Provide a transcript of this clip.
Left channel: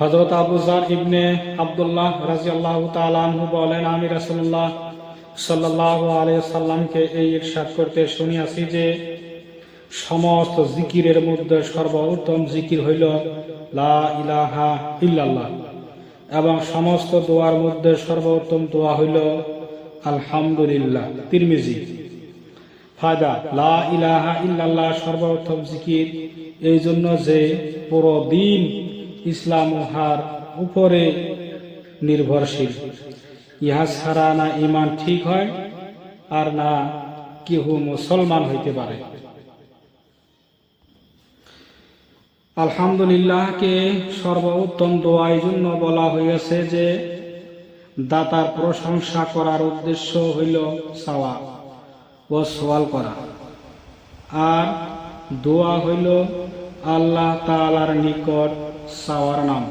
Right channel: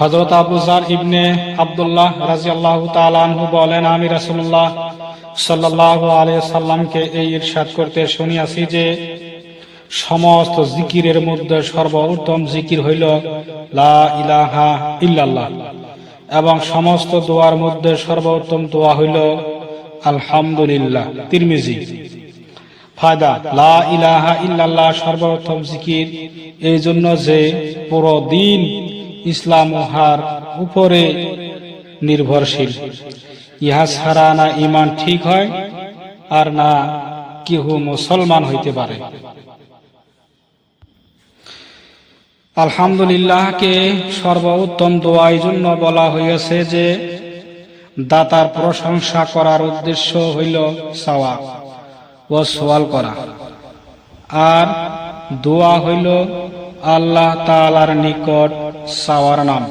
হযরত আবু যার ইবনে আব্দুল্লাহ রাদিয়াল্লাহু তাআলা আনহু বলেন, আমি রাসূলুল্লাহ সাল্লাল্লাহু আলাইহি সাল্লামকে এই ইরশাদ করতে শুনিয়াছি যে, সমস্ত জিকিরের মধ্যে সর্বোত্তম জিকির হইল লা ইলাহা ইল্লাল্লাহ, এবং সমস্ত দোয়ার মধ্যে সর্বোত্তম দোয়া হইল আলহামদুলিল্লাহ। তিরমিজি। ফায়দা: লা ইলাহা ইল্লাল্লাহ সর্বোত্তম জিকির এই জন্য যে পুরো দিন ইসলাম উহার উপরে নির্ভরশীল। ইহা ছাড়া না ঈমান ঠিক হয়, আর না কেহ মুসলমান হইতে পারে। আলহামদুলিল্লাহকে সর্বোত্তম দোয়া এই জন্য বলা হইয়াছে যে, দাতার প্রশংসা করার উদ্দেশ্য হইল চাওয়া ও সওয়াল করা, আর দোয়া হইল আল্লাহ তাআলার নিকট চাওয়ার নাম।